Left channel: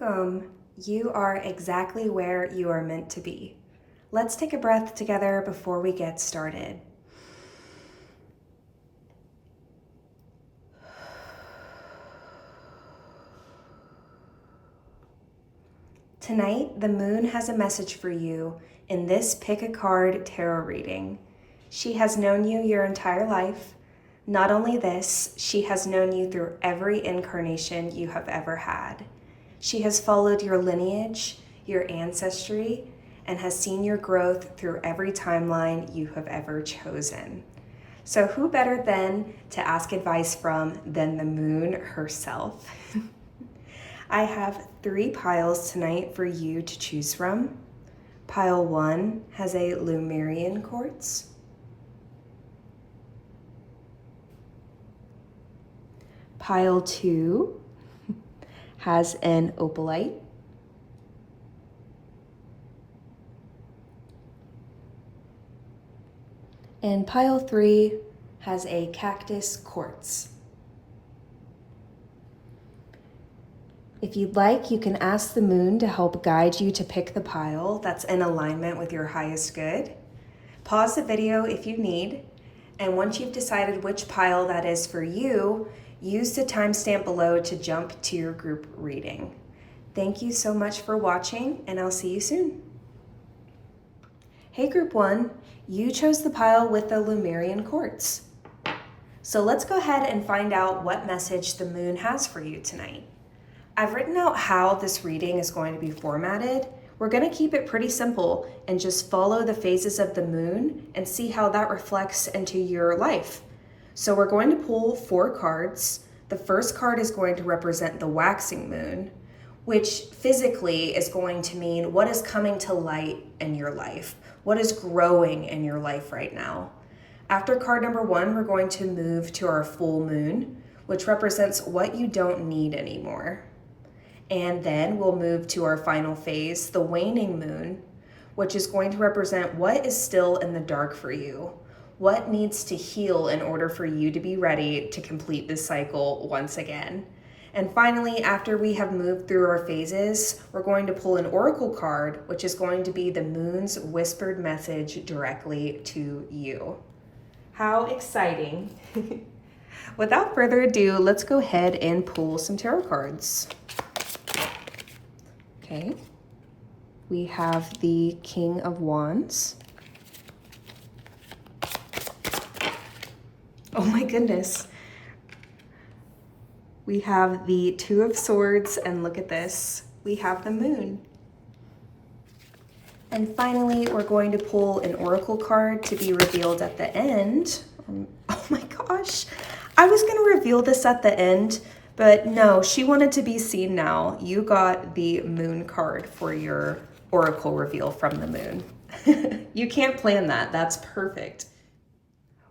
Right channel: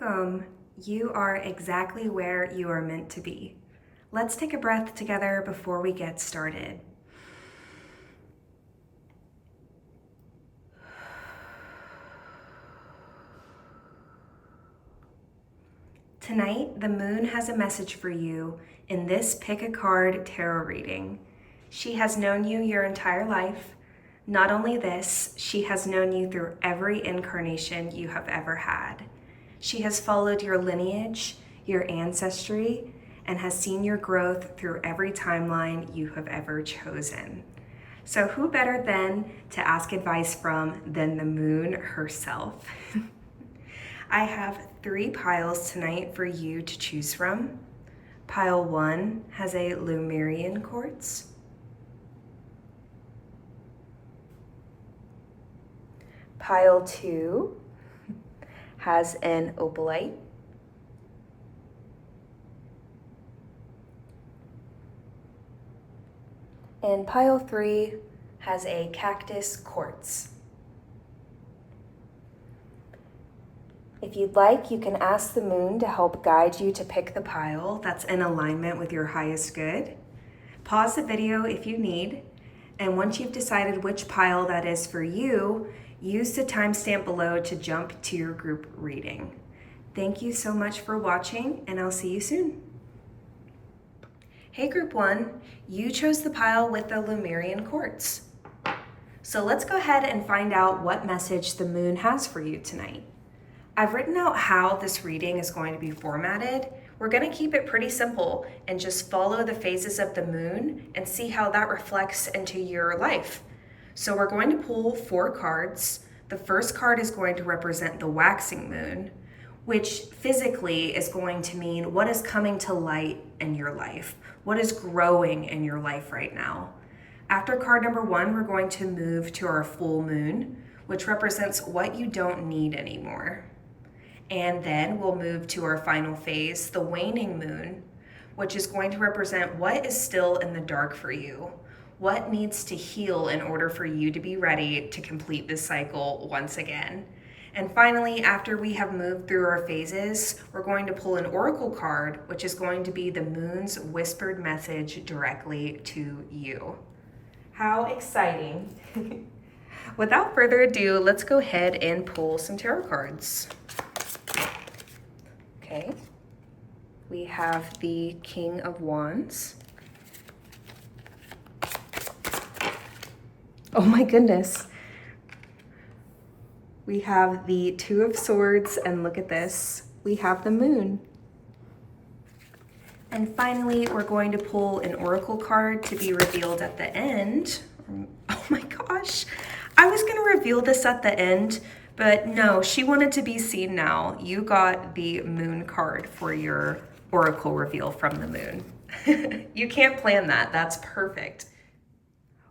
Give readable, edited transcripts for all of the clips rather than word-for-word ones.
Welcome. You are exactly where you are meant to be. Let's take a breath together before we get started. Tonight, the moon has a message for you in this Pick a Card tarot reading. She has known you your entire life. Not only this, she has known you through every incarnation you have ever had. She has followed your lineage, your ancestry, and has seen your growth through every timeline you have ever chosen. So who better then to ask advice from than the moon herself? I have 3 piles tonight for you to choose from. Pile 1 has a Lemurian quartz. Pile 2 has an Opalite. And pile 3 has a Cactus quartz. If you'd like, you can ask the moon to help guide you to pick the pile that's in alignment with your highest good. Pause the video if you need, and once you've decided which pile that is for you, use the timestamp below to jump to your group reading. Thank you so much for watching, and I'll see you soon. Hey Group 1, you chose the pile with the Lemurian quartz. So let's go ahead and find out what message the moon has for you tonight. I've written out how this reading is going to be formatted. We're going to keep it pretty simple and just follow the phases of the moon and see how that reflects into your life. So we're going to pull 4 cards. The first card is going to represent the waxing moon, which physically is going to mean what is coming to light in your life, what is growing in your life right now. After card number 1, we're going to move to our full moon, which represents what you don't need anymore. And then we'll move to our final phase, the waning moon, which is going to represent what is still in the dark for you. What needs to heal in order for you to be ready to complete this cycle once again? And finally, after we have moved through our phases, we're going to pull an oracle card, which is going to be the moon's whispered message directly to you. How exciting. Without further ado, let's go ahead and pull some tarot cards. Okay, we have the King of Wands. Oh my goodness. We have the 2 of Swords, and look at this, we have the moon. And finally, we're going to pull an oracle card to be revealed at the end. Oh my gosh, I was gonna reveal this at the end, but no, she wanted to be seen now. You got the moon card for your oracle reveal from the moon. You can't plan that, that's perfect.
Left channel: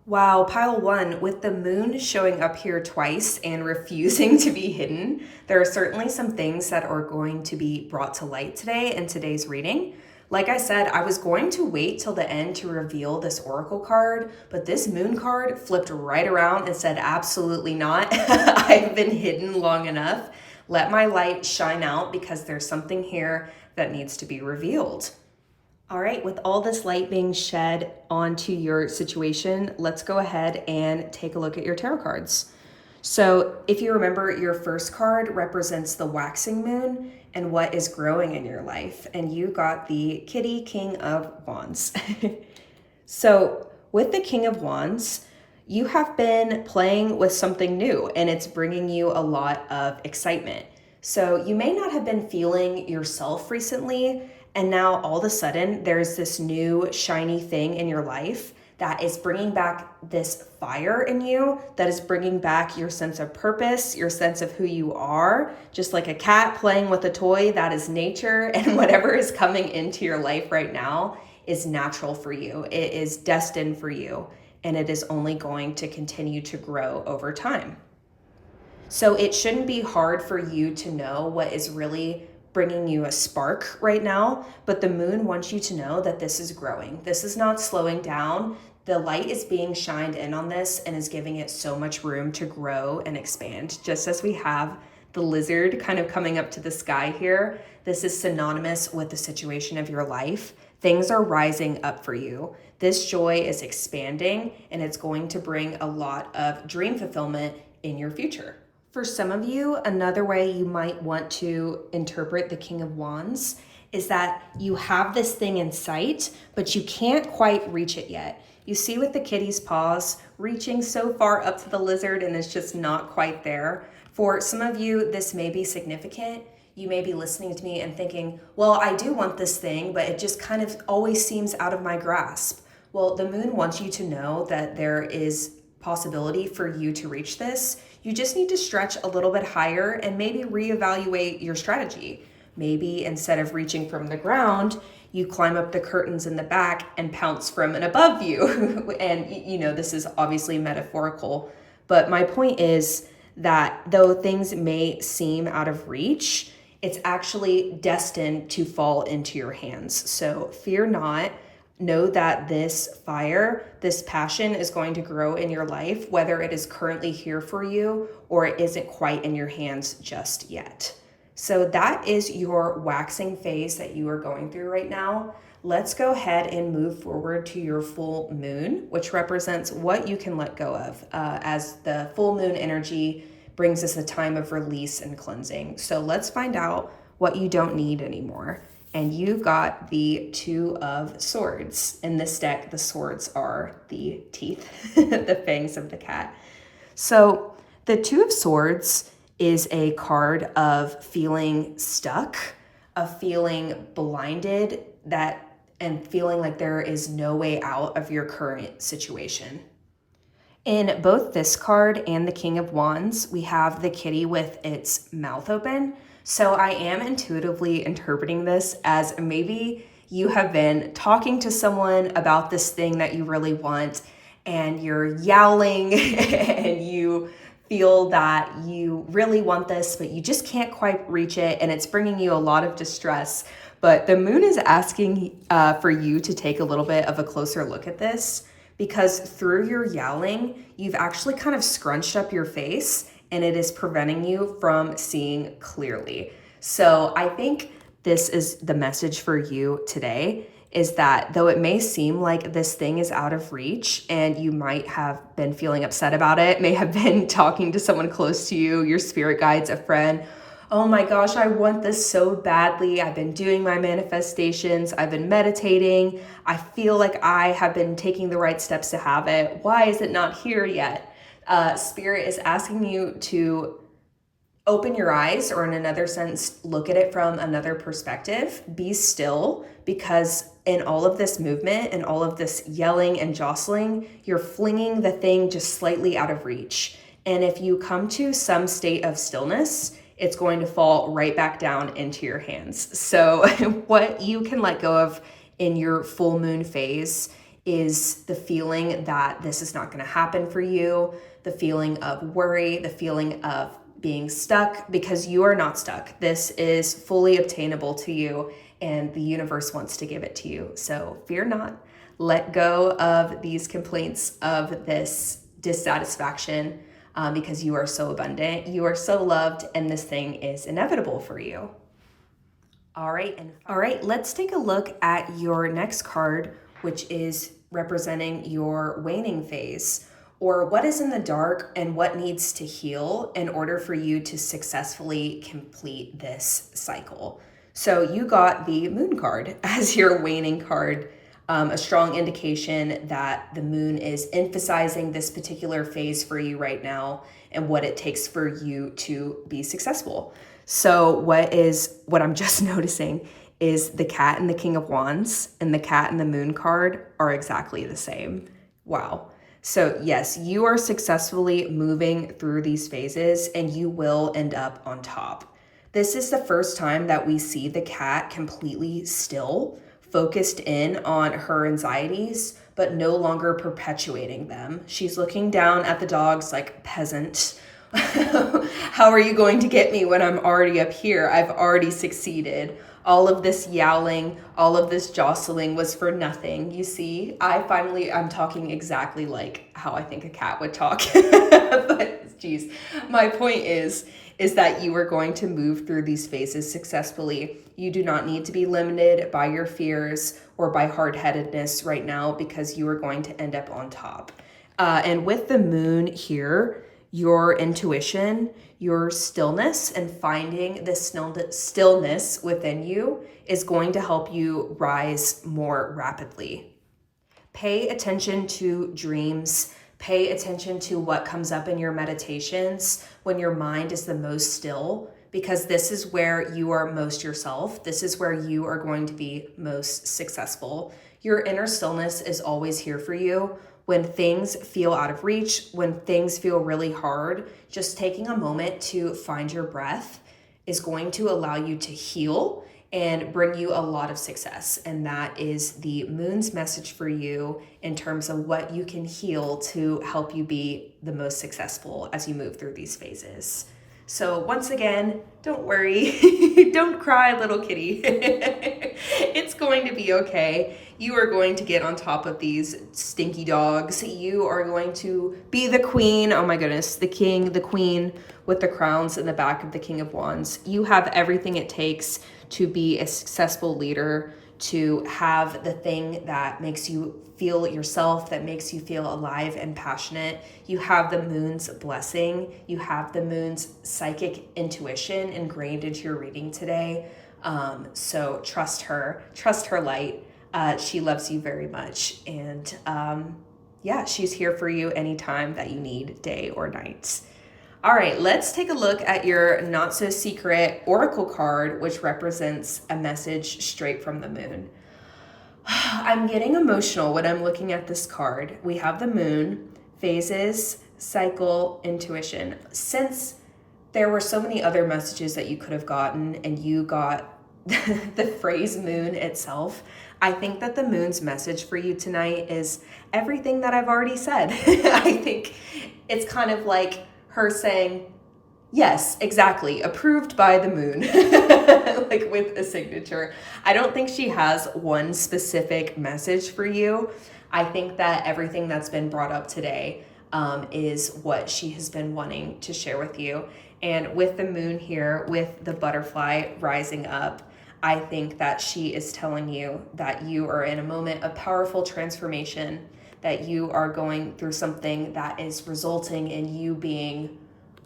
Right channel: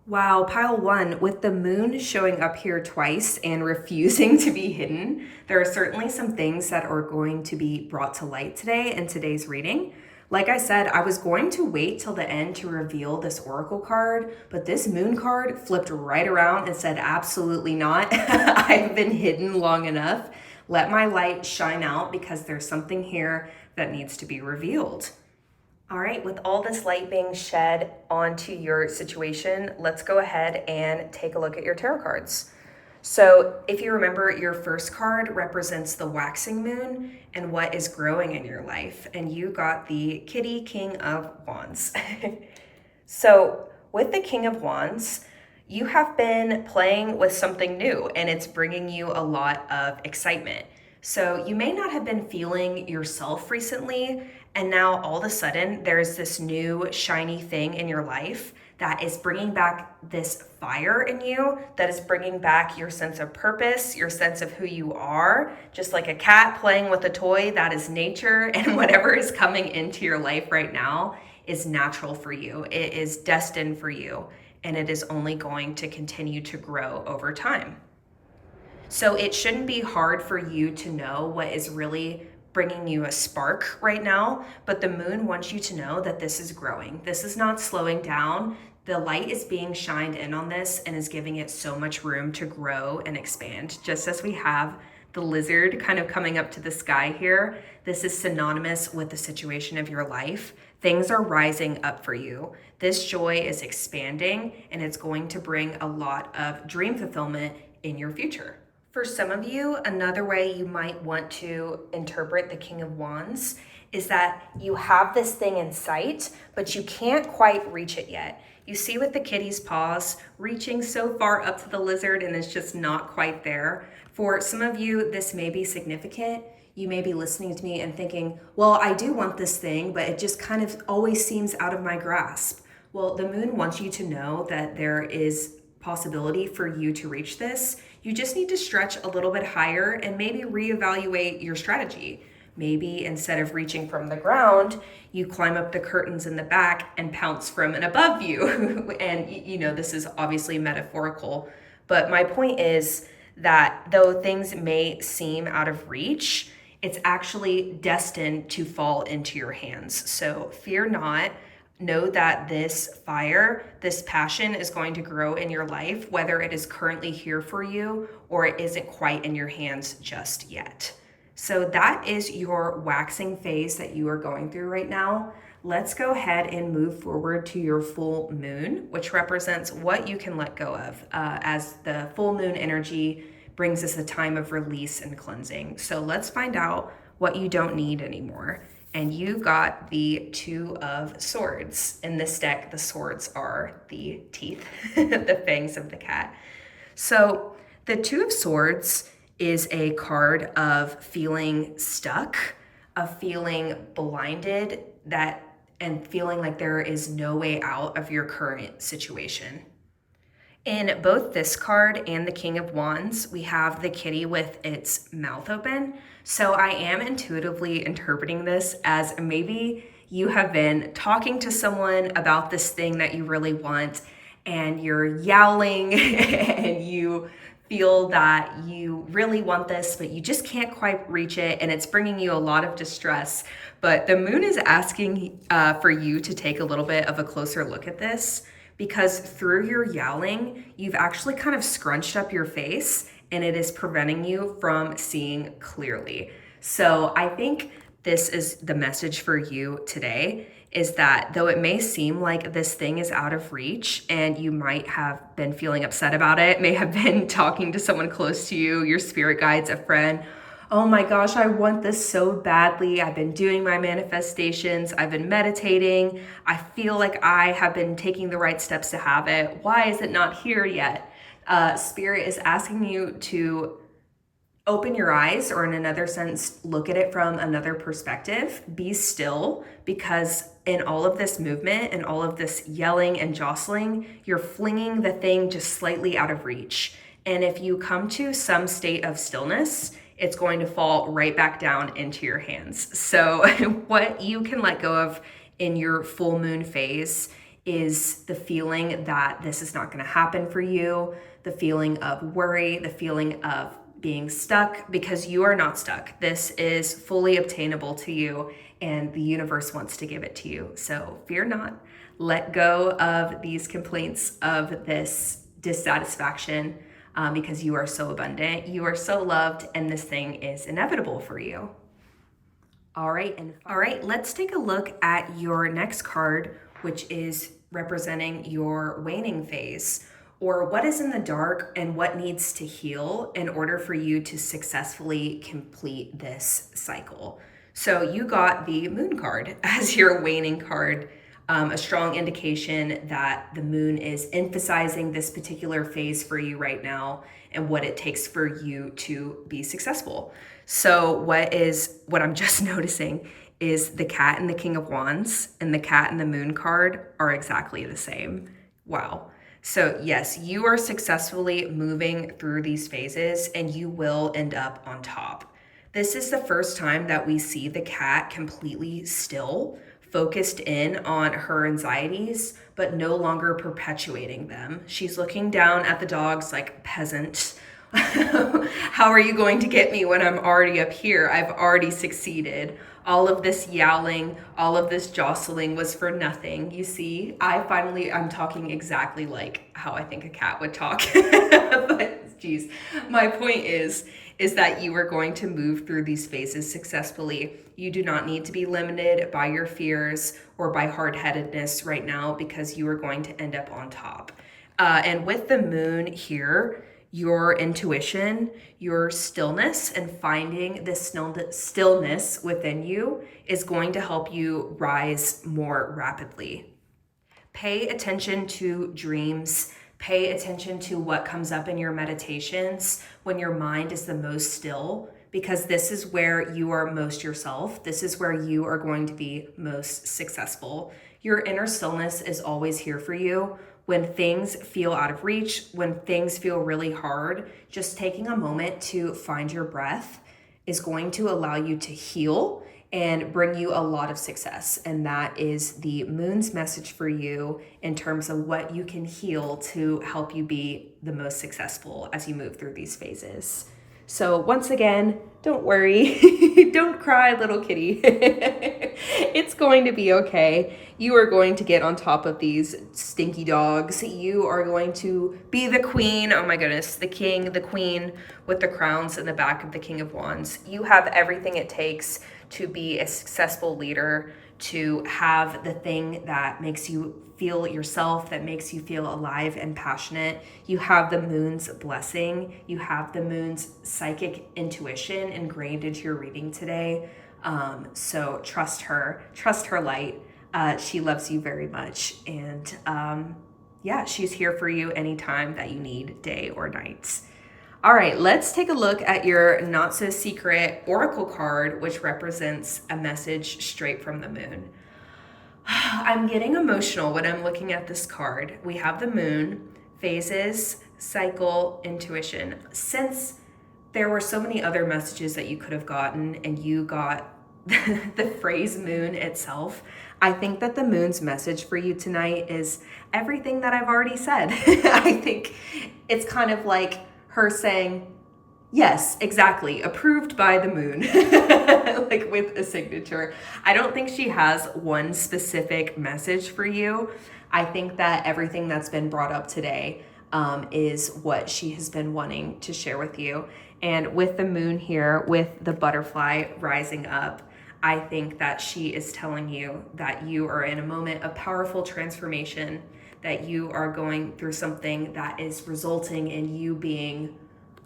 Wow, pile 1, with the moon showing up here twice and refusing to be hidden, there are certainly some things that are going to be brought to light today in today's reading. Like I said, I was going to wait till the end to reveal this oracle card, but this moon card flipped right around and said, absolutely not. I've been hidden long enough. Let my light shine out because there's something here that needs to be revealed. All right, with all this light being shed onto your situation, let's go ahead and take a look at your tarot cards. So if you remember, your first card represents the waxing moon and what is growing in your life. And you got the Kitty King of Wands. So with the King of Wands, you have been playing with something new and it's bringing you a lot of excitement. So you may not have been feeling yourself recently, and now all of a sudden there's this new shiny thing in your life that is bringing back this fire in you, that is bringing back your sense of purpose, your sense of who you are. Just like a cat playing with a toy, that is nature, and whatever is coming into your life right now is natural for you. It is destined for you, and it is only going to continue to grow over time. So it shouldn't be hard for you to know what is really bringing you a spark right now, but the moon wants you to know that this is growing. This is not slowing down. The light is being shined in on this and is giving it so much room to grow and expand, just as we have the lizard kind of coming up to the sky here. This is synonymous with the situation of your life. Things are rising up for you. This joy is expanding, and it's going to bring a lot of dream fulfillment in your future. For some of you, another way you might want to interpret the King of Wands is that you have this thing in sight, but you can't quite reach it yet. You see with the kitty's paws reaching so far up to the lizard and it's just not quite there. For some of you, this may be significant. You may be listening to me and thinking, well, I do want this thing, but it just kind of always seems out of my grasp. Well, the moon wants you to know that there is possibility for you to reach this. You just need to stretch a little bit higher and maybe reevaluate your strategy. Maybe instead of reaching from the ground, you climb up the curtains in the back and pounce from an above view. And you know, this is obviously metaphorical, but my point is that though things may seem out of reach, it's actually destined to fall into your hands. So fear not. Know that this fire, this passion is going to grow in your life, whether it is currently here for you or it isn't quite in your hands just yet. So that is your waxing phase that you are going through right now. Let's go ahead and move forward to your full moon, which represents what you can let go of, as the full moon energy brings us a time of release and cleansing. So let's find out what you don't need anymore. And you got the Two of Swords. In this deck, the swords are the teeth, the fangs of the cat. So the Two of Swords is a card of feeling stuck, of feeling blinded, and feeling like there is no way out of your current situation. In both this card and the King of Wands, we have the kitty with its mouth open. So I am intuitively interpreting this as maybe you have been talking to someone about this thing that you really want, and you're yowling and you feel that you really want this, but you just can't quite reach it, and it's bringing you a lot of distress. But the moon is asking for you to take a little bit of a closer look at this, because through your yowling, you've actually kind of scrunched up your face, and it is preventing you from seeing clearly. So I think this is the message for you today, is that though it may seem like this thing is out of reach and you might have been feeling upset about it, may have been talking to someone close to you, your spirit guides, a friend, oh my gosh, I want this so badly. I've been doing my manifestations. I've been meditating. I feel like I have been taking the right steps to have it. Why is it not here yet? Spirit is asking you to open your eyes, or in another sense, look at it from another perspective. Be still, because in all of this movement and all of this yelling and jostling, you're flinging the thing just slightly out of reach. And if you come to some state of stillness, it's going to fall right back down into your hands. So what you can let go of in your full moon phase is the feeling that this is not going to happen for you, the feeling of worry, the feeling of being stuck, because you are not stuck. This is fully obtainable to you, and the universe wants to give it to you. So fear not. Let go of these complaints, of this dissatisfaction, because you are so abundant, you are so loved, and this thing is inevitable for you. All right, let's take a look at your next card, which is representing your waning phase, or what is in the dark and what needs to heal in order for you to successfully complete this cycle. So you got the moon card as your waning card, a strong indication that the moon is emphasizing this particular phase for you right now and what it takes for you to be successful. So what I'm just noticing is the cat and the King of Wands and the cat and the moon card are exactly the same. Wow. So yes, you are successfully moving through these phases, and you will end up on top. This is the first time that we see the cat completely still, focused in on her anxieties, but no longer perpetuating them. She's looking down at the dogs like, peasant. How are you going to get me when I'm already up here? I've already succeeded. All of this yowling, all of this jostling was for nothing. You see, I'm talking exactly like how I think a cat would talk. But geez, my point is is that you are going to move through these phases successfully. You do not need to be limited by your fears or by hard-headedness right now, because you are going to end up on top. And with the moon here, your intuition, your stillness, and finding this stillness within you is going to help you rise more rapidly. Pay attention to dreams. Pay attention to what comes up in your meditations when your mind is the most still, because this is where you are most yourself. This is where you are going to be most successful. Your inner stillness is always here for you. When things feel out of reach, when things feel really hard, just taking a moment to find your breath is going to allow you to heal and bring you a lot of success. And that is the moon's message for you in terms of what you can heal to help you be the most successful as you move through these phases. So once again, don't worry, don't cry, little kitty. It's going to be okay. You are going to get on top of these stinky dogs. You are going to be the queen. Oh my goodness, the king, the queen with the crowns in the back of the King of Wands. You have everything it takes to be a successful leader, to have the thing that makes you feel yourself, that makes you feel alive and passionate. You have the moon's blessing. You have the moon's psychic intuition ingrained into your reading today. So trust her light. She loves you very much. And yeah, she's here for you anytime that you need, day or night. All right, let's take a look at your not so secret oracle card, which represents a message straight from the moon. I'm getting emotional when I'm looking at this card. We have the moon, phases, cycle, intuition. Since there were so many other messages that you could have gotten and you got the phrase moon itself, I think that the moon's message for you tonight is everything that I've already said. I think it's kind of like her saying, yes, exactly, approved by the moon, like with a signature. I don't think she has one specific message for you. I think that everything that's been brought up today is what she has been wanting to share with you. And with the moon here, with the butterfly rising up, I think that she is telling you that you are in a moment of powerful transformation, that you are going through something that is resulting in you being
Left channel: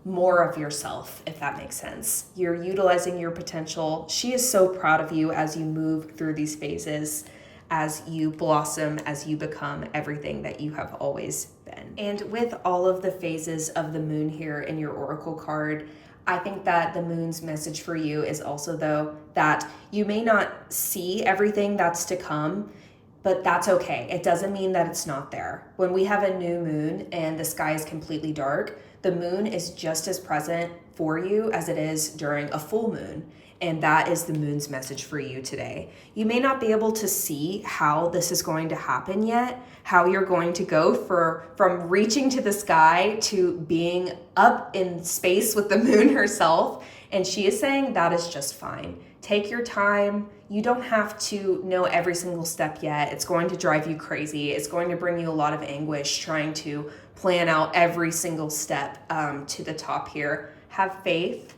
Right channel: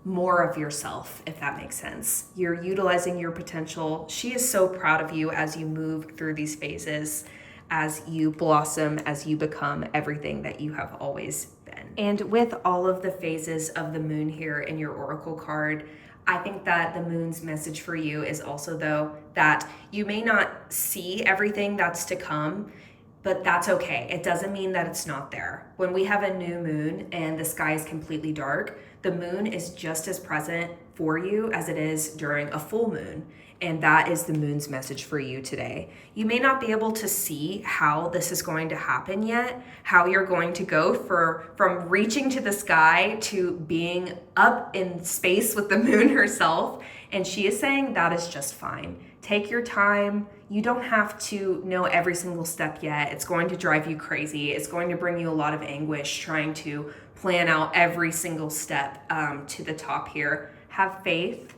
more of yourself, if that makes sense. You're utilizing your potential. She is so proud of you as you move through these phases, as you blossom, as you become everything that you have always been. And with all of the phases of the moon here in your oracle card, I think that the moon's message for you is also, though, that you may not see everything that's to come, but that's okay. It doesn't mean that it's not there. When we have a new moon and the sky is completely dark, the moon is just as present for you as it is during a full moon. And that is the moon's message for you today. You may not be able to see how this is going to happen yet, how you're going to go from reaching to the sky to being up in space with the moon herself. And she is saying that is just fine. Take your time. You don't have to know every single step yet. It's going to drive you crazy. It's going to bring you a lot of anguish trying to plan out every single step to the top here. Have faith.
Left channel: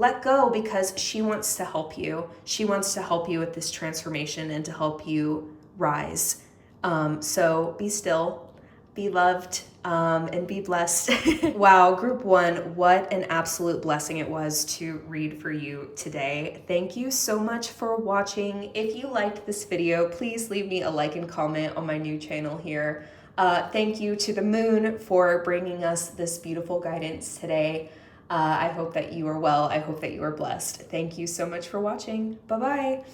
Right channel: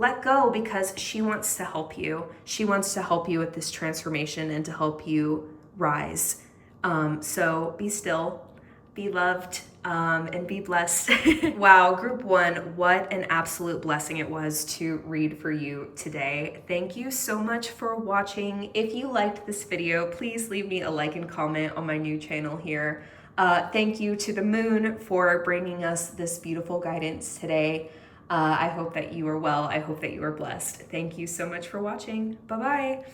Let go, because she wants to help you. She wants to help you with this transformation and to help you rise. So be still, be loved, and be blessed. Wow, group one, what an absolute blessing it was to read for you today. Thank you so much for watching. If you liked this video, please leave me a like and comment on my new channel here. Thank you to the moon for bringing us this beautiful guidance today. I hope that you are well. I hope that you are blessed. Thank you so much for watching. Bye-bye.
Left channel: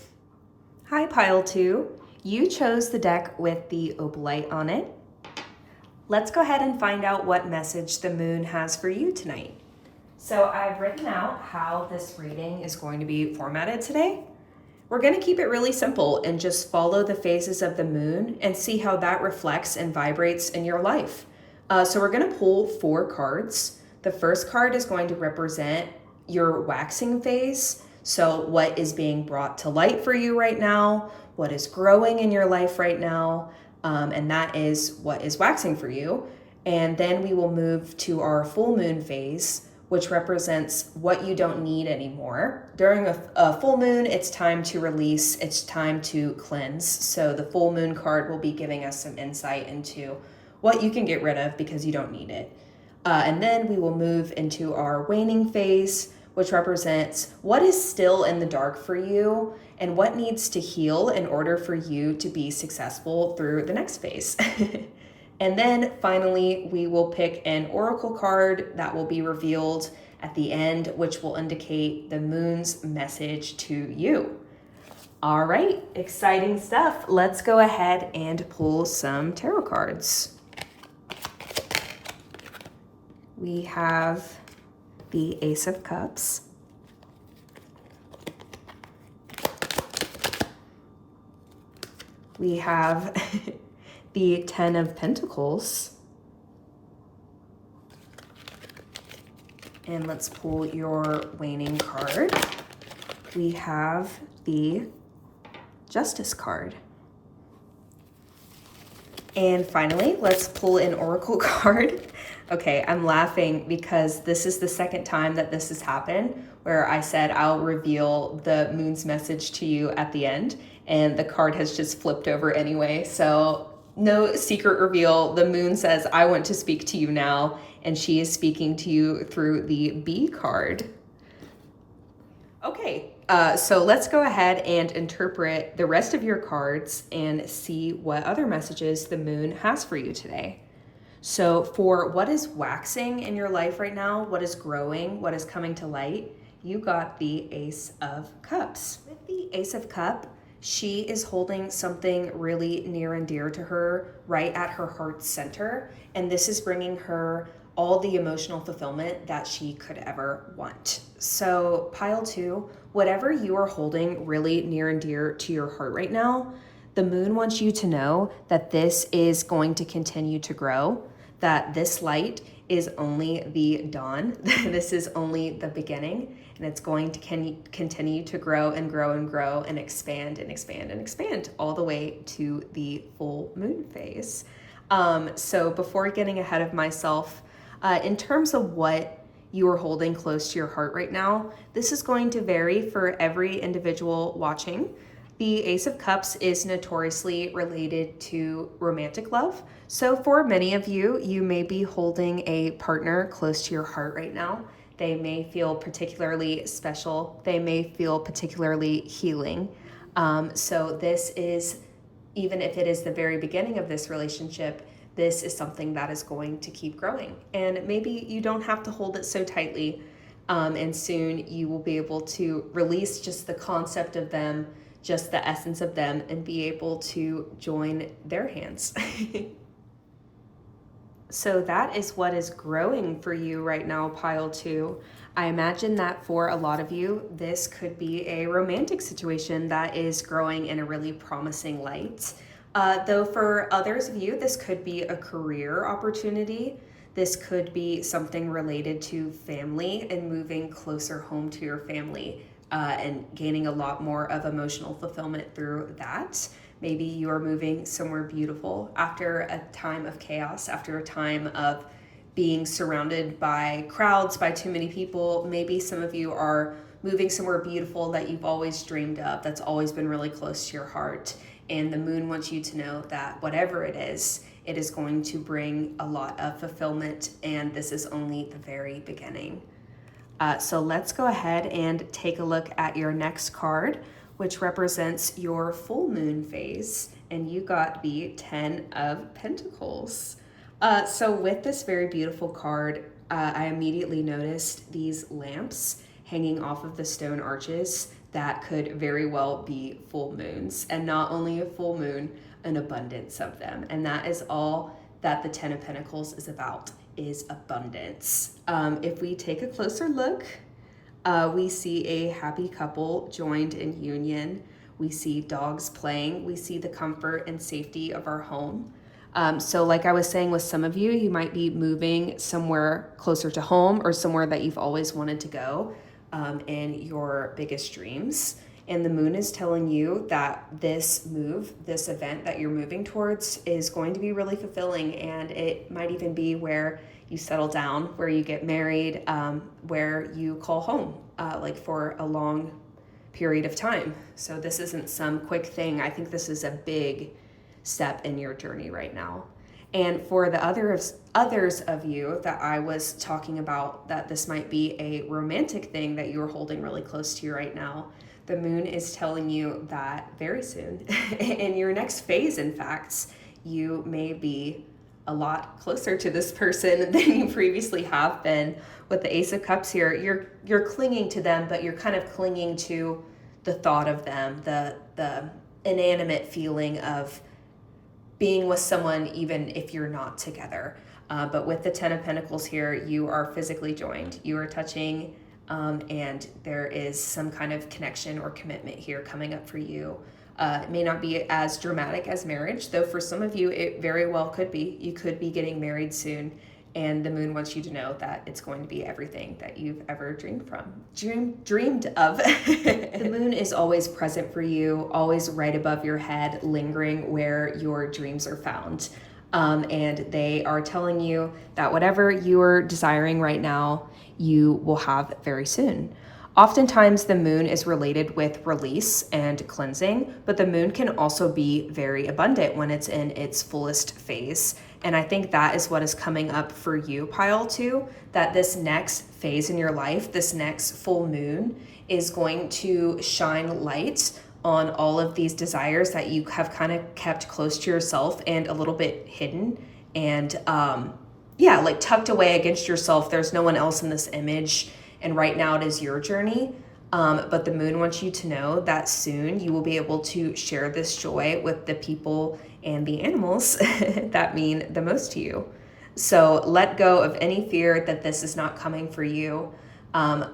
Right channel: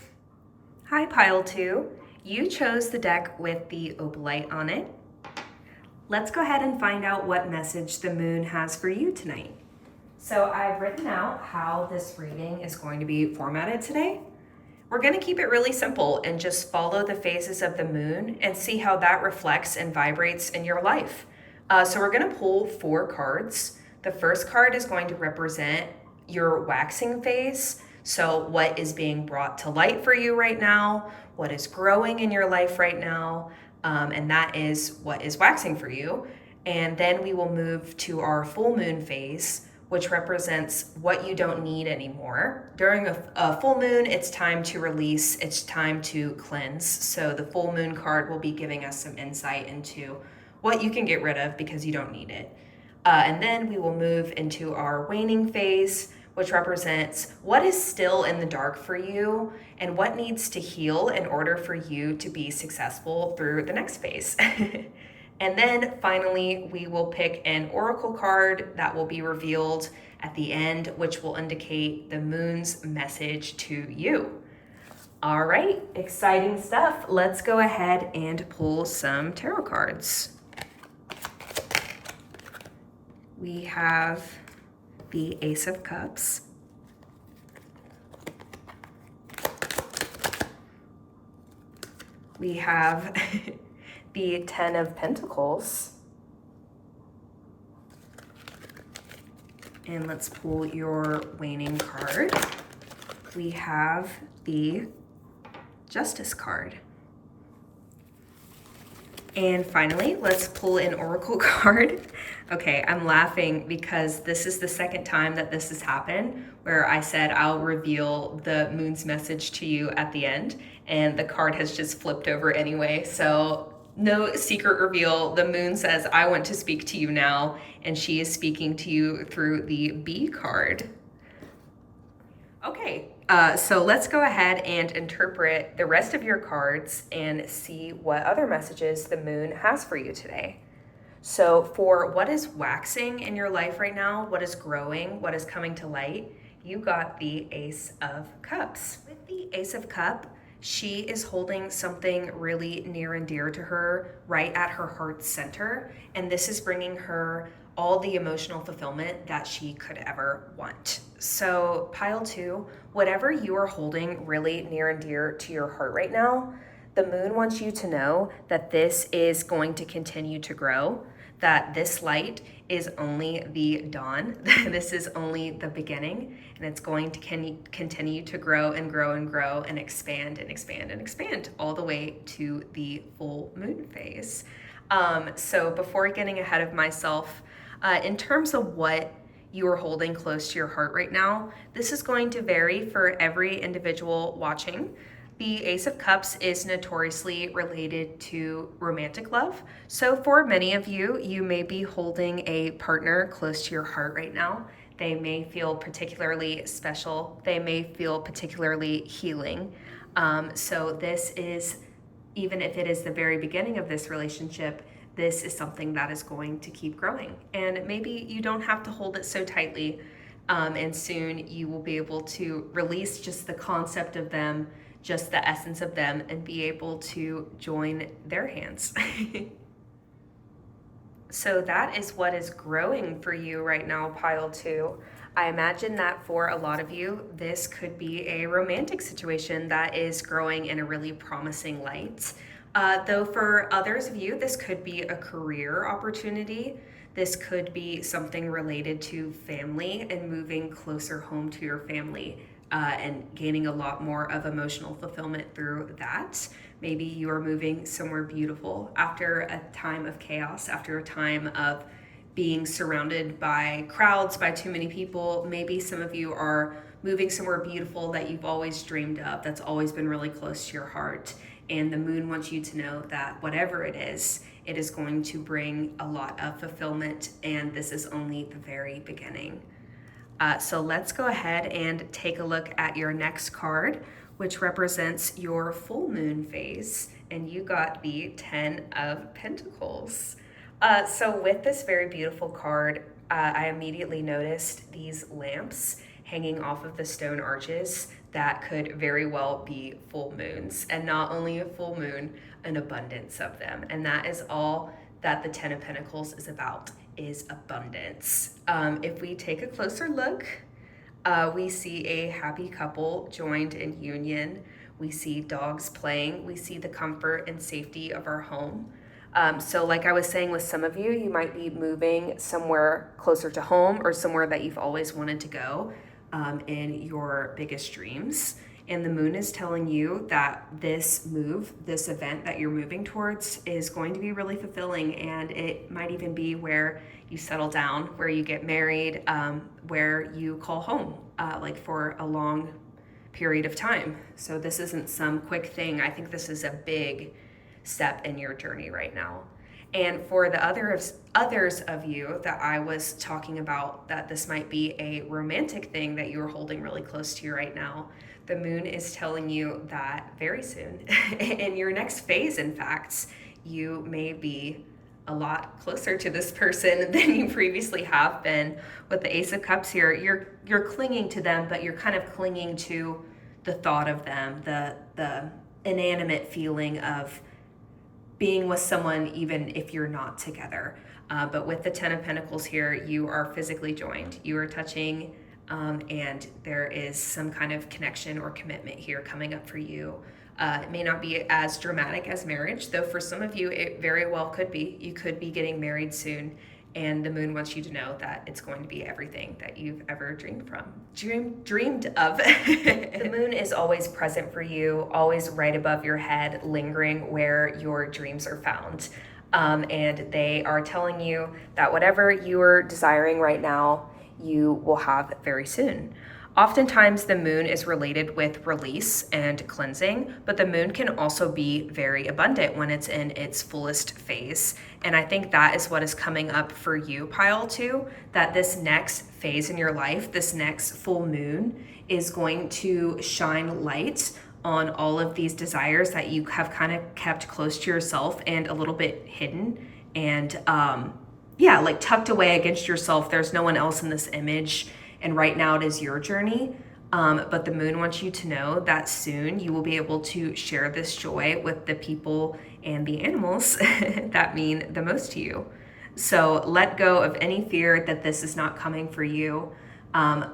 Hi, Pile 2. You chose the deck with the Opalite on it. Let's go ahead and find out what message the moon has for you tonight. So I've written out how this reading is going to be formatted today. We're going to keep it really simple and just follow the phases of the moon and see how that reflects and vibrates in your life. So we're going to pull 4 cards. The first card is going to represent your waxing phase. So what is being brought to light for you right now, what is growing in your life right now, and that is what is waxing for you. And then we will move to our full moon phase, which represents what you don't need anymore. During a full moon, it's time to release, it's time to cleanse. So the full moon card will be giving us some insight into what you can get rid of because you don't need it. And then we will move into our waning phase, which represents what is still in the dark for you and what needs to heal in order for you to be successful through the next phase. And then finally, we will pick an oracle card that will be revealed at the end, which will indicate the moon's message to you. All right, exciting stuff. Let's go ahead and pull some tarot cards. We have the Ace of Cups. We have the 10 of Pentacles. And let's pull your waning card. We have the Justice card. And finally, let's pull an oracle card. Okay, I'm laughing because this is the second time that this has happened where I said I'll reveal the moon's message to you at the end, and the card has just flipped over anyway. So no secret reveal. The moon says, I want to speak to you now, and she is speaking to you through the B card. Okay, so let's go ahead and interpret the rest of your cards and see what other messages the moon has for you today. So for what is waxing in your life right now, what is growing, what is coming to light, you got the Ace of Cups. With the Ace of Cups, she is holding something really near and dear to her, right at her heart's center, and this is bringing her all the emotional fulfillment that she could ever want. So pile 2, whatever you are holding really near and dear to your heart right now, the moon wants you to know that this is going to continue to grow, that this light is only the dawn. This is only the beginning, and it's going to continue to grow and grow and grow and expand and expand and expand all the way to the full moon phase. So before getting ahead of myself, in terms of what you are holding close to your heart right now, this is going to vary for every individual watching. The Ace of Cups is notoriously related to romantic love. So for many of you, you may be holding a partner close to your heart right now. They may feel particularly special. They may feel particularly healing. So this is, even if it is the very beginning of this relationship, this is something that is going to keep growing. And maybe you don't have to hold it so tightly, and soon you will be able to release just the concept of them, just the essence of them, and be able to join their hands. So that is what is growing for you right now, pile 2. I imagine that for a lot of you, this could be a romantic situation that is growing in a really promising light. Though for others of you, this could be a career opportunity. This could be something related to family and moving closer home to your family, and gaining a lot more of emotional fulfillment through that. Maybe you are moving somewhere beautiful after a time of chaos, after a time of being surrounded by crowds, by too many people. Maybe some of you are moving somewhere beautiful that you've always dreamed of, that's always been really close to your heart. And the moon wants you to know that whatever it is going to bring a lot of fulfillment, and this is only the very beginning. So let's go ahead and take a look at your next card, which represents your full moon phase, and you got the 10 of Pentacles. So with this very beautiful card, I immediately noticed these lamps hanging off of the stone arches that could very well be full moons, and not only a full moon, an abundance of them. And that is all that the 10 of Pentacles is about, is abundance. If we take a closer look, we see a happy couple joined in union. We see dogs playing. We see the comfort and safety of our home. So like I was saying with some of you, you might be moving somewhere closer to home or somewhere that you've always wanted to go, in your biggest dreams. And the moon is telling you that this move, this event that you're moving towards, is going to be really fulfilling, and it might even be where you settle down, where you get married, where you call home, like for a long period of time. So this isn't some quick thing. I think this is a big step in your journey right now. And for the others of you that I was talking about, that this might be a romantic thing that you're holding really close to you right now, the moon is telling you that very soon, in your next phase, in fact, you may be a lot closer to this person than you previously have been. With the Ace of Cups here, you're clinging to them, but you're kind of clinging to the thought of them, the inanimate feeling of being with someone even if you're not together. But with the Ten of Pentacles here, you are physically joined. You are touching, and there is some kind of connection or commitment here coming up for you. It may not be as dramatic as marriage, though for some of you it very well could be. You could be getting married soon, and the moon wants you to know that it's going to be everything that you've ever dreamed of. The moon is always present for you, always right above your head, lingering where your dreams are found. And they are telling you that whatever you're desiring right now, you will have very soon. Oftentimes the moon is related with release and cleansing, but the moon can also be very abundant when it's in its fullest phase. And I think that is what is coming up for you, Pile 2, that this next phase in your life, this next full moon, is going to shine light on all of these desires that you have kind of kept close to yourself and a little bit hidden and like tucked away against yourself. There's no one else in this image. And right now it is your journey, but the moon wants you to know that soon you will be able to share this joy with the people and the animals that mean the most to you. So let go of any fear that this is not coming for you.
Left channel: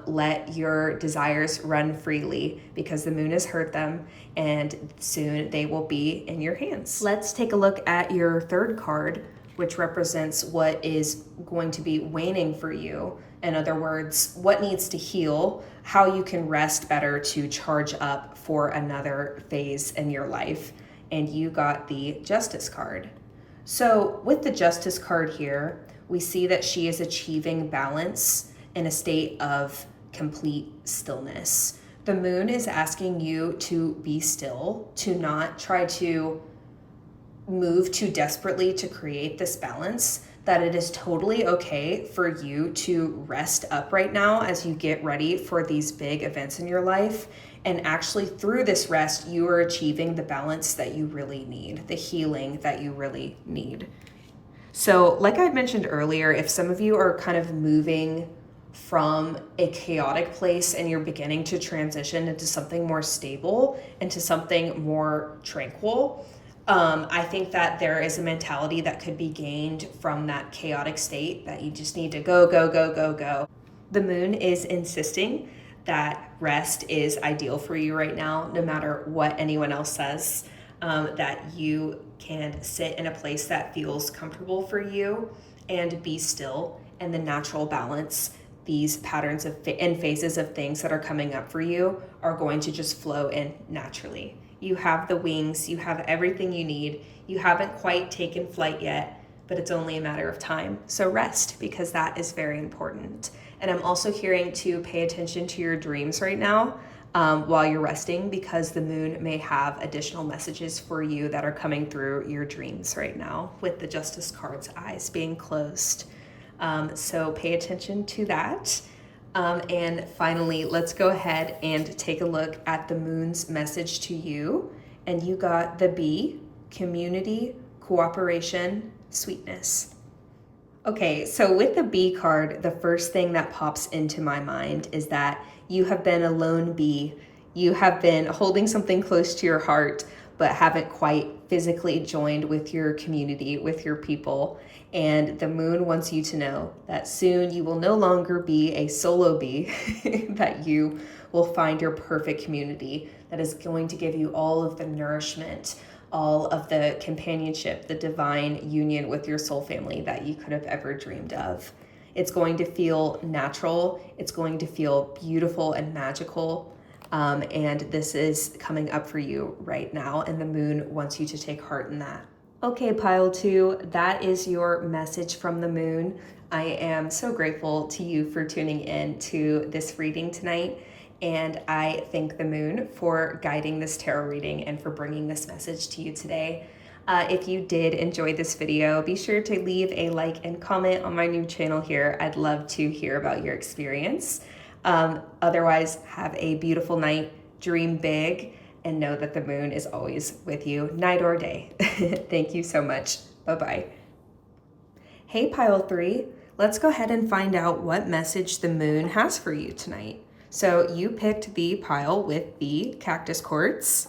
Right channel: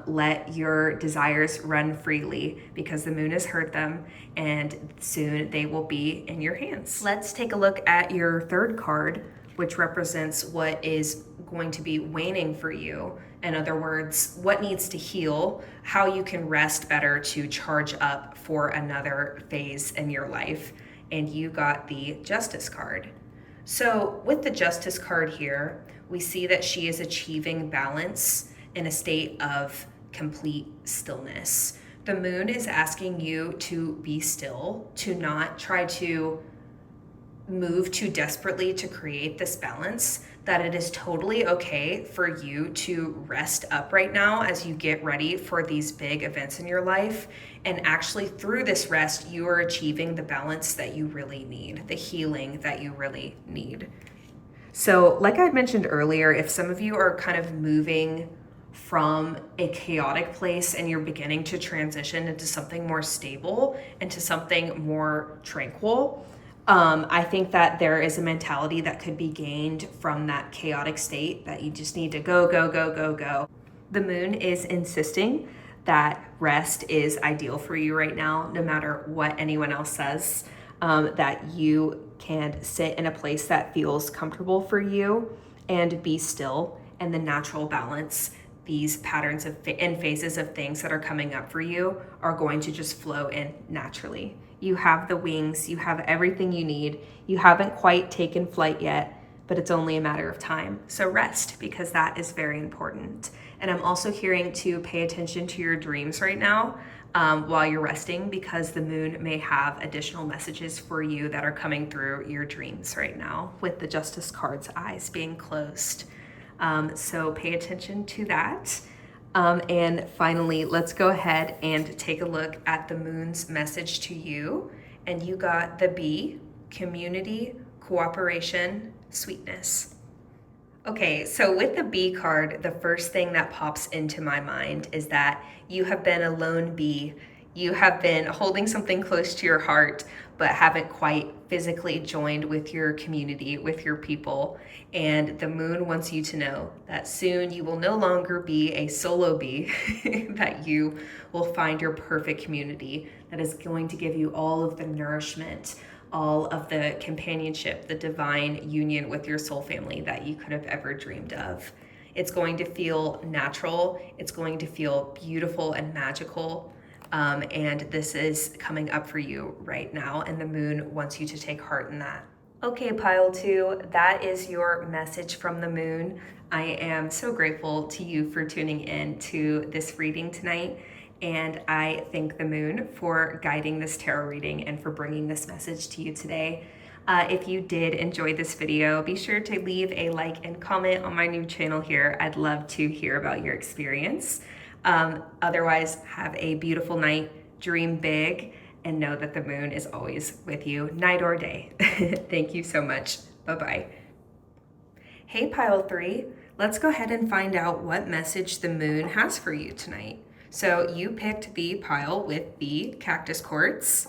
Let your desires run freely, because the moon has heard them and soon they will be in your hands. Let's take a look at your third card, which represents what is going to be waning for you. In other words, what needs to heal, how you can rest better to charge up for another phase in your life. And you got the Justice card. So with the Justice card here, we see that she is achieving balance in a state of complete stillness. The moon is asking you to be still, to not try to move too desperately to create this balance, that it is totally okay for you to rest up right now as you get ready for these big events in your life. And actually through this rest, you are achieving the balance that you really need, the healing that you really need. So like I mentioned earlier, if some of you are kind of moving from a chaotic place and you're beginning to transition into something more stable, into something more tranquil, I think that there is a mentality that could be gained from that chaotic state, that you just need to go, go, go, go, go. The moon is insisting that rest is ideal for you right now, no matter what anyone else says, that you can sit in a place that feels comfortable for you and be still, and the natural balance. These patterns and phases of things that are coming up for you are going to just flow in naturally. You have the wings, you have everything you need. You haven't quite taken flight yet, but it's only a matter of time. So rest, because that is very important. And I'm also hearing to pay attention to your dreams right now while you're resting, because the moon may have additional messages for you that are coming through your dreams right now, with the Justice card's eyes being closed. So pay attention to that. And finally, let's go ahead and take a look at the moon's message to you. And you got the B, community, cooperation, sweetness. Okay, so with the B card, the first thing that pops into my mind is that you have been a lone bee. You have been holding something close to your heart, but haven't quite physically joined with your community, with your people. And the moon wants you to know that soon you will no longer be a solo bee, that you will find your perfect community that is going to give you all of the nourishment, all of the companionship, the divine union with your soul family that you could have ever dreamed of. It's going to feel natural. It's going to feel beautiful and magical. And this is coming up for you right now, and the moon wants you to take heart in that. Okay, pile two, that is your message from the moon. I am so grateful to you for tuning in to this reading tonight, and I thank the moon for guiding this tarot reading and for bringing this message to you today. If you did enjoy this video, be sure to leave a like and comment on my new channel here. I'd love to hear about your experience. Otherwise, have a beautiful night, dream big, and know that the moon is always with you, night or day. Thank you so much. Bye-bye. Hey, pile three, let's go ahead and find out what message the moon has for you tonight. So you picked the pile with the cactus quartz,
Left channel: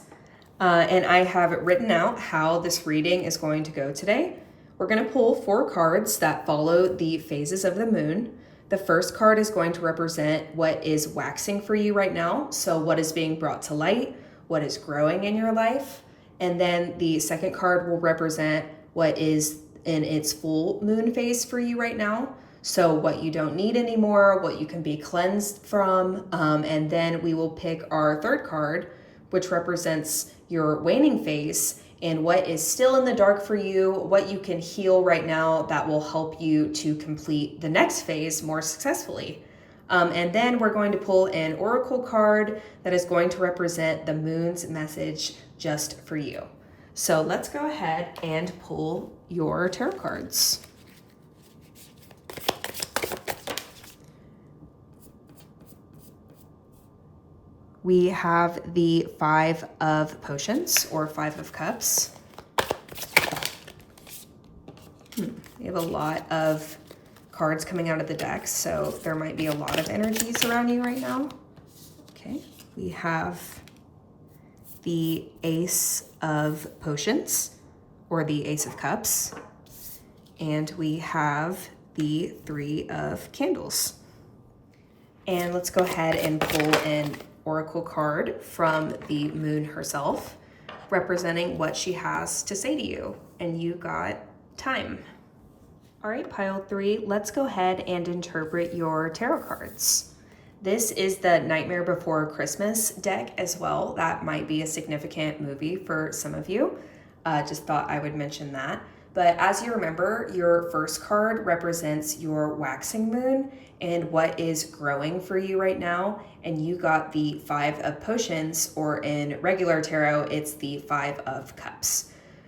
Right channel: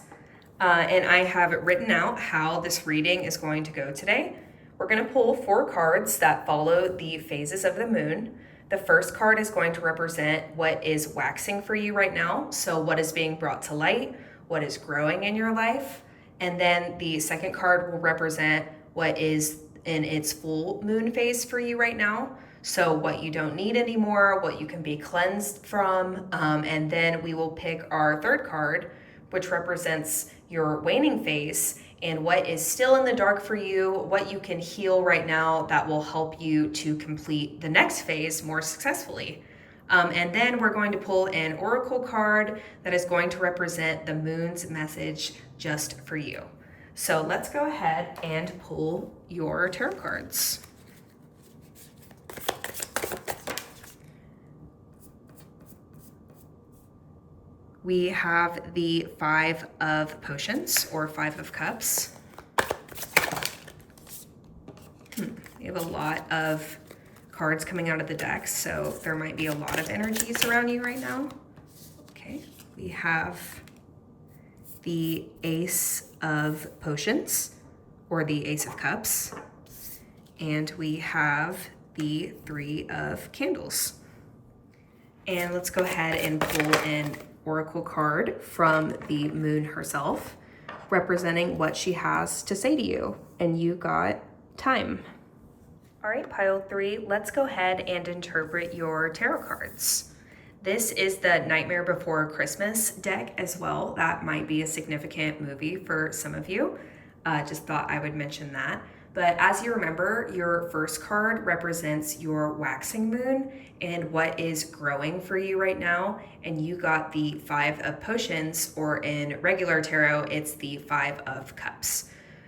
and I have written out how this reading is going to go today. We're going to pull 4 cards that follow the phases of the moon. The first card is going to represent what is waxing for you right now, so what is being brought to light, what is growing in your life. And then the second card will represent what is in its full moon phase for you right now. So what you don't need anymore, what you can be cleansed from. And then we will pick our third card, which represents your waning phase and what is still in the dark for you, what you can heal right now that will help you to complete the next phase more successfully. And then we're going to pull an oracle card that is going to represent the moon's message just for you. So let's go ahead and pull your tarot cards. We have the 5 of potions, or 5 of cups. We have a lot of cards coming out of the deck, so there might be a lot of energies around you right now. Okay, we have the Ace of Potions, or the Ace of Cups, and we have the 3 of Candles. And let's go ahead and pull an oracle card from the moon herself, representing what she has to say to you. And you got time. All right, pile 3, let's go ahead and interpret your tarot cards. This is the Nightmare Before Christmas deck as well. That might be a significant movie for some of you. Just thought I would mention that. But as you remember, your first card represents your waxing moon and what is growing for you right now. And you got the 5 of potions, or in regular tarot, it's the 5 of cups.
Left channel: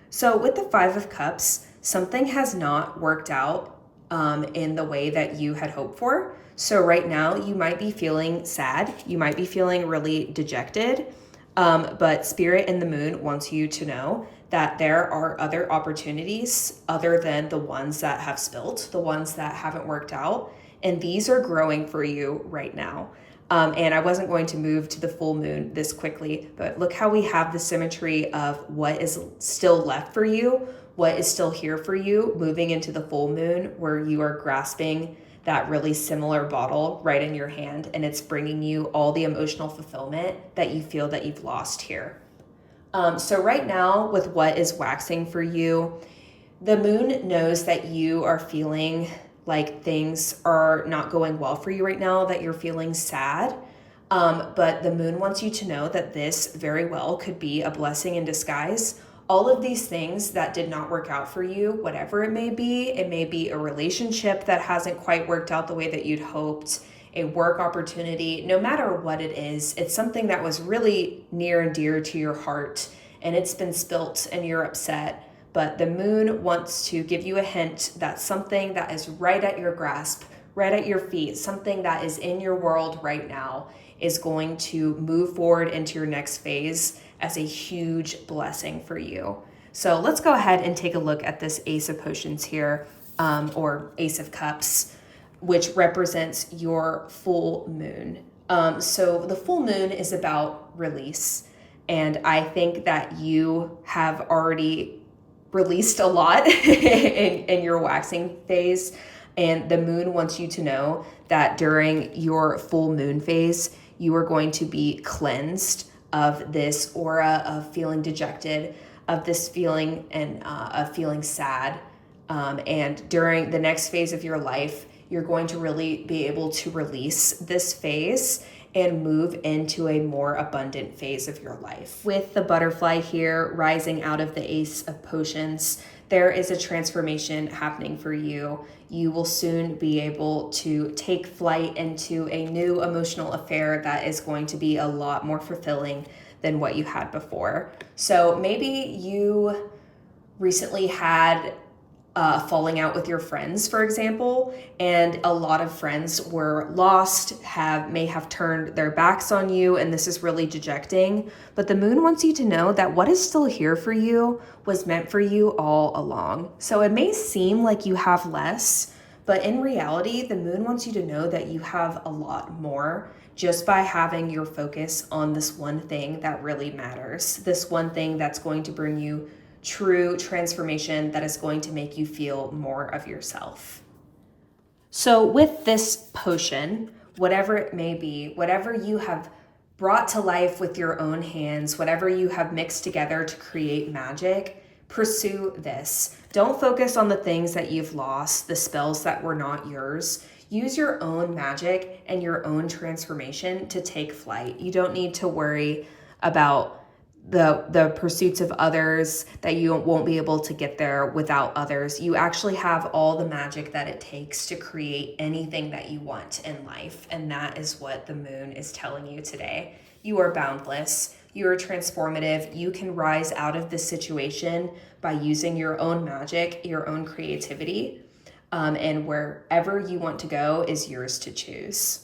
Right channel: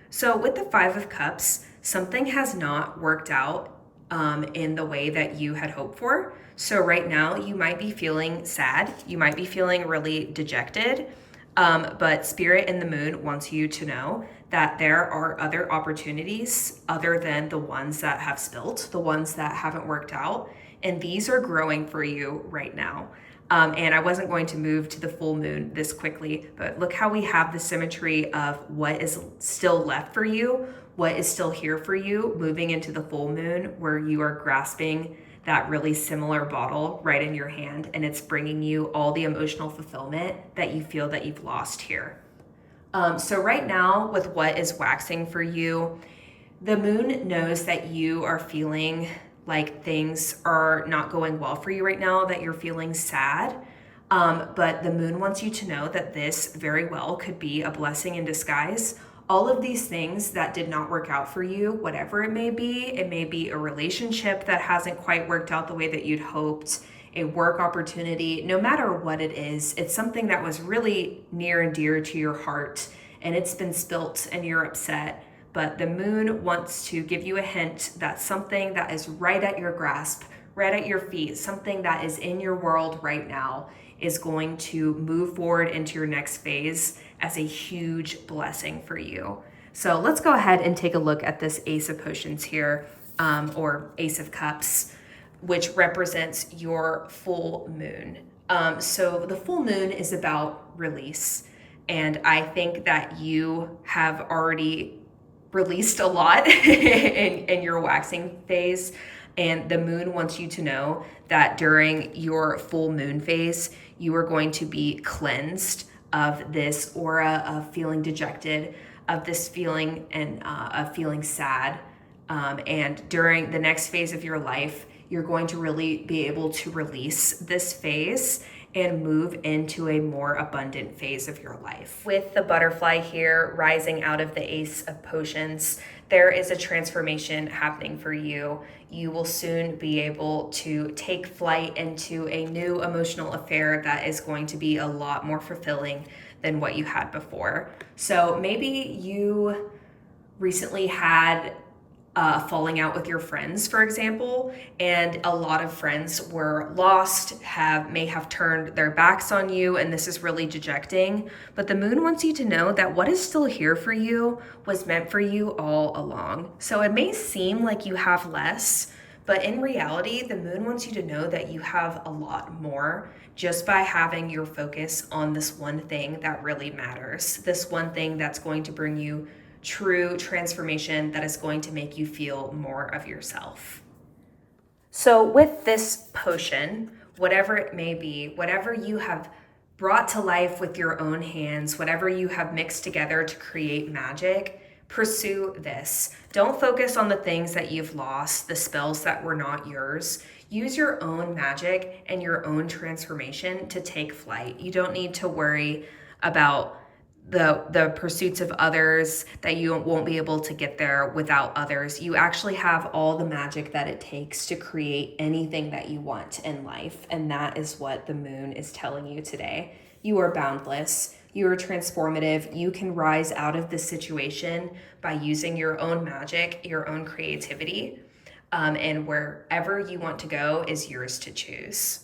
So with the 5 of cups, something has not worked out in the way that you had hoped for. So right now you might be feeling sad. You might be feeling really dejected. But Spirit and the Moon wants you to know that there are other opportunities other than the ones that have spilt, the ones that haven't worked out. And these are growing for you right now. And I wasn't going to move to the full moon this quickly, but look how we have the symmetry of what is still left for you, what is still here for you, moving into the full moon where you are grasping that really similar bottle right in your hand, and it's bringing you all the emotional fulfillment that you feel that you've lost here. So right now, with what is waxing for you, the moon knows that you are feeling like things are not going well for you right now, that you're feeling sad. But the moon wants you to know that this very well could be a blessing in disguise. All of these things that did not work out for you, whatever it may be a relationship that hasn't quite worked out the way that you'd hoped, a work opportunity, no matter what it is, it's something that was really near and dear to your heart, and it's been spilt and you're upset. But the moon wants to give you a hint that something that is right at your grasp, right at your feet, something that is in your world right now is going to move forward into your next phase as a huge blessing for you. So let's go ahead and take a look at this Ace of Potions here, or Ace of Cups, which represents your full moon. So the full moon is about release. And I think that you have already released a lot in your waxing phase. And the moon wants you to know that during your full moon phase, you are going to be cleansed of this aura of feeling dejected, of this feeling and of feeling sad. And during the next phase of your life, you're going to really be able to release this phase and move into a more abundant phase of your life. With the butterfly here rising out of the Ace of Potions, there is a transformation happening for you. You will soon be able to take flight into a new emotional affair that is going to be a lot more fulfilling than what you had before. So maybe you recently had falling out with your friends, for example, and a lot of friends were lost, may have turned their backs on you, and this is really dejecting. But the moon wants you to know that what is still here for you was meant for you all along. So it may seem like you have less, but in reality, the moon wants you to know that you have a lot more just by having your focus on this one thing that really matters, this one thing that's going to bring you true transformation, that is going to make you feel more of yourself. So with this potion, whatever it may be, whatever you have brought to life with your own hands, whatever you have mixed together to create magic, pursue this. Don't focus on the things that you've lost, the spells that were not yours. Use your own magic and your own transformation to take flight. You don't need to worry about the pursuits of others, that you won't be able to get there without others. You actually have all the magic that it takes to create anything that you want in life. And that is what the moon is telling you today. You are boundless. You are transformative. You can rise out of this situation by using your own magic, your own creativity. And wherever you want to go is yours to choose.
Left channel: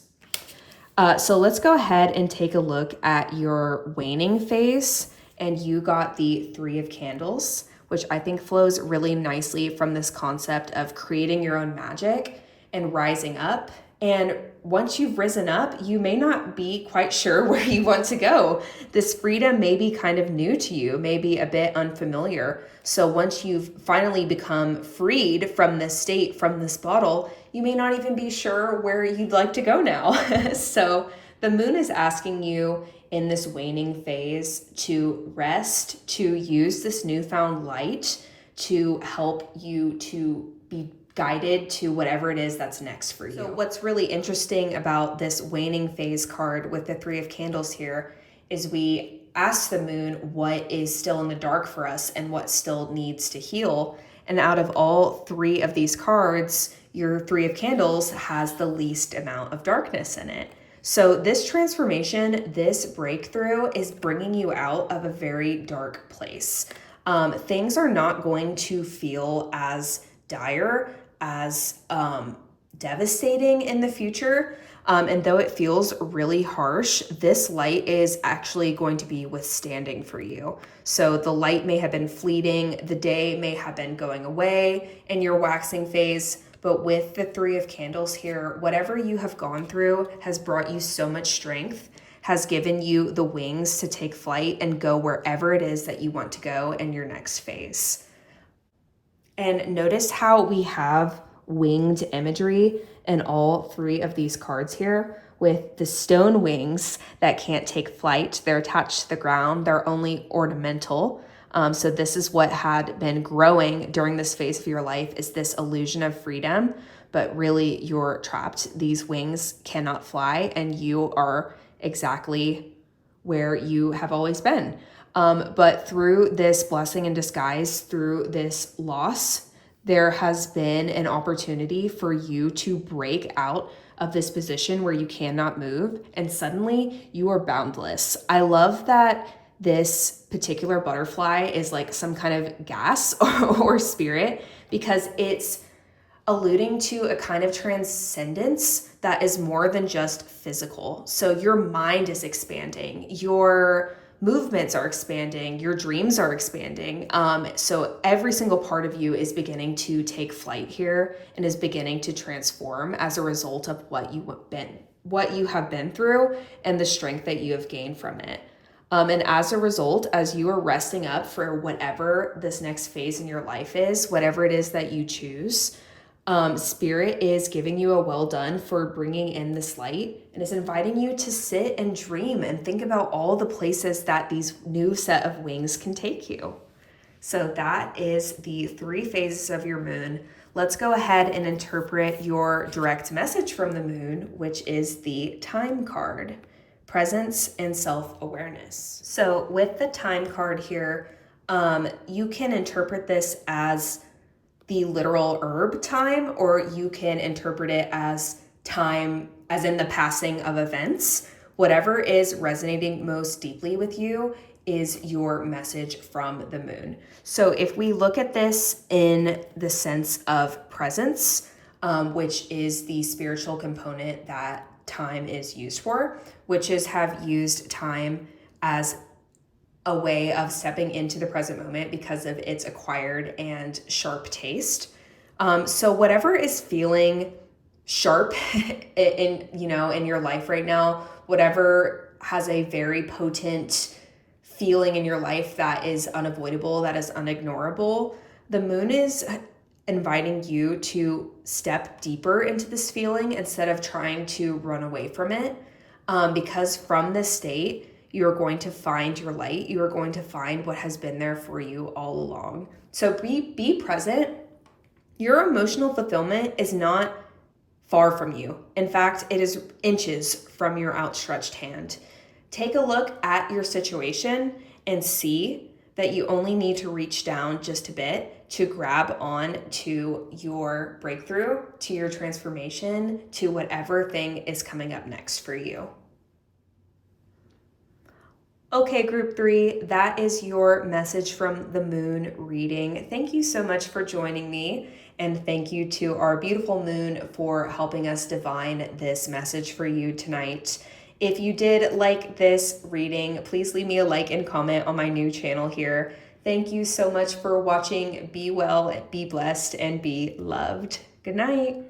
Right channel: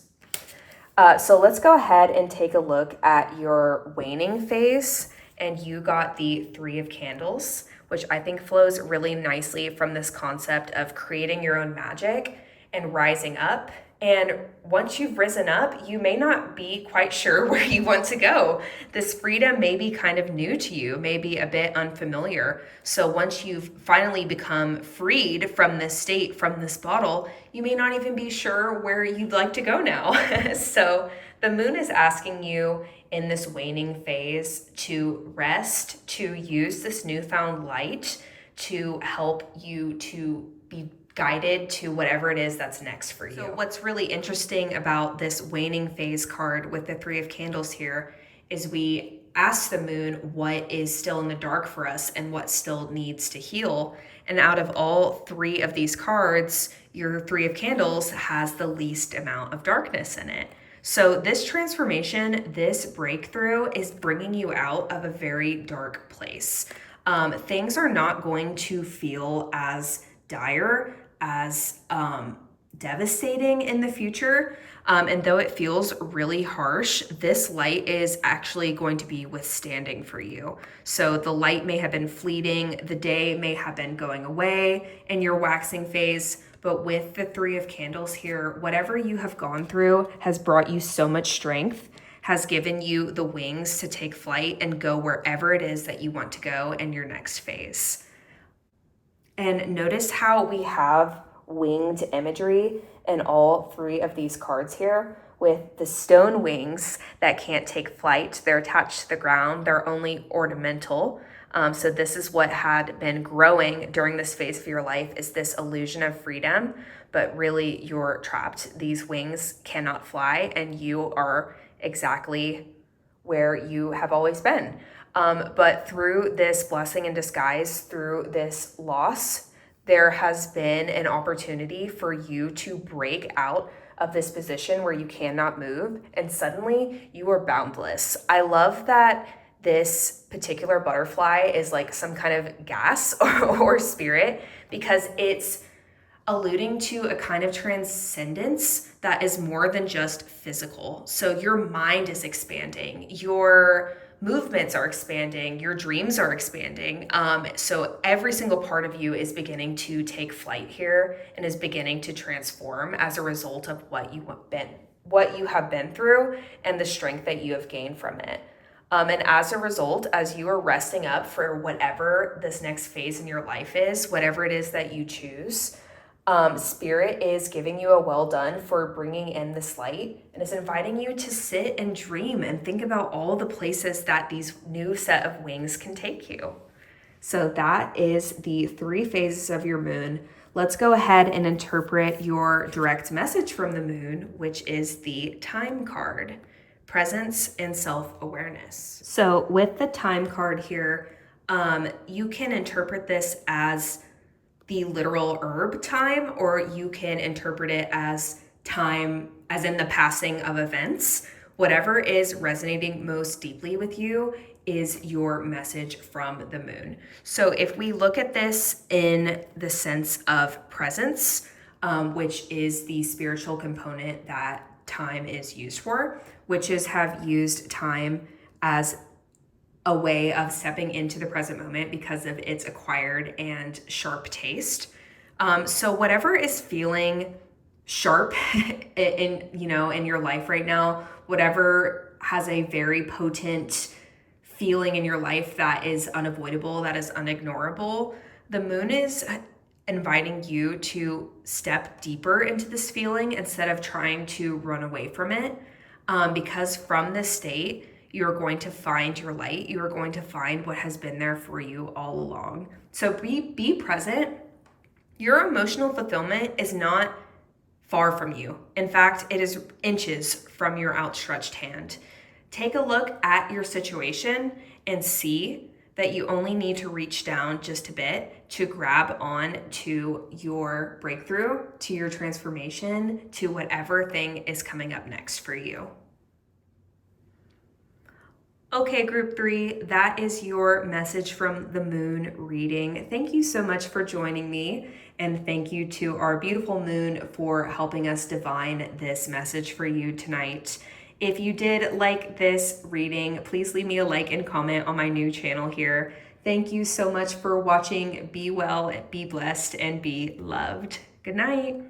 So let's go ahead and take a look at your waning phase. And you got the 3 of Candles, which I think flows really nicely from this concept of creating your own magic and rising up. And once you've risen up, you may not be quite sure where you want to go. This freedom may be kind of new to you, maybe a bit unfamiliar. So once you've finally become freed from this state, from this bottle, you may not even be sure where you'd like to go now. So the moon is asking you in this waning phase to rest, to use this newfound light to help you to be guided to whatever it is that's next for you. So what's really interesting about this waning phase card with the 3 of Candles here is we ask the moon what is still in the dark for us and what still needs to heal. And out of all 3 of these cards, your 3 of Candles has the least amount of darkness in it. So this transformation, this breakthrough is bringing you out of a very dark place. Things are not going to feel as dire, as devastating in the future. And though it feels really harsh, this light is actually going to be withstanding for you. So the light may have been fleeting, the day may have been going away in your waxing phase, but with the 3 of Candles here, whatever you have gone through has brought you so much strength, has given you the wings to take flight and go wherever it is that you want to go in your next phase. And notice how we have winged imagery in all 3 of these cards here, with the stone wings that can't take flight. They're attached to the ground. They're only ornamental. So this is what had been growing during this phase of your life, is this illusion of freedom, but really you're trapped. These wings cannot fly and you are exactly where you have always been. But through this blessing in disguise, through this loss, there has been an opportunity for you to break out of this position where you cannot move, and suddenly you are boundless. I love that this particular butterfly is like some kind of gas or spirit, because it's alluding to a kind of transcendence that is more than just physical. So your mind is expanding, your movements are expanding, your dreams are expanding. So every single part of you is beginning to take flight here and is beginning to transform as a result of what you have been through and the strength that you have gained from it. And as a result, as you are resting up for whatever this next phase in your life is, whatever it is that you choose, Spirit is giving you a well done for bringing in this light, and is inviting you to sit and dream and think about all the places that these new set of wings can take you. So that is the 3 phases of your moon. Let's go ahead and interpret your direct message from the moon, which is the time card. Presence and self-awareness. So with the time card here, You can interpret this as the literal herb time, or you can interpret it as time as in the passing of events. Whatever is resonating most deeply with you is your message from the moon. So if we look at this in the sense of presence, which is the spiritual component that time is used for, witches have used time as a way of stepping into the present moment because of its acquired and sharp taste. So whatever is feeling sharp in your life right now, whatever has a very potent feeling in your life that is unavoidable, that is unignorable, the moon is inviting you to step deeper into this feeling instead of trying to run away from it. Because from this state, you're going to find your light. You are going to find what has been there for you all along. So be present. Your emotional fulfillment is not far from you. In fact, it is inches from your outstretched hand. Take a look at your situation and see that you only need to reach down just a bit to grab on to your breakthrough, to your transformation, to whatever thing is coming up next for you. Okay, group 3, that is your message from the moon reading. Thank you so much for joining me, and thank you to our beautiful moon for helping us divine this message for you tonight. If you did like this reading, please leave me a like and comment on my new channel here. Thank you so much for watching. Be well, be blessed, and be loved. Good night.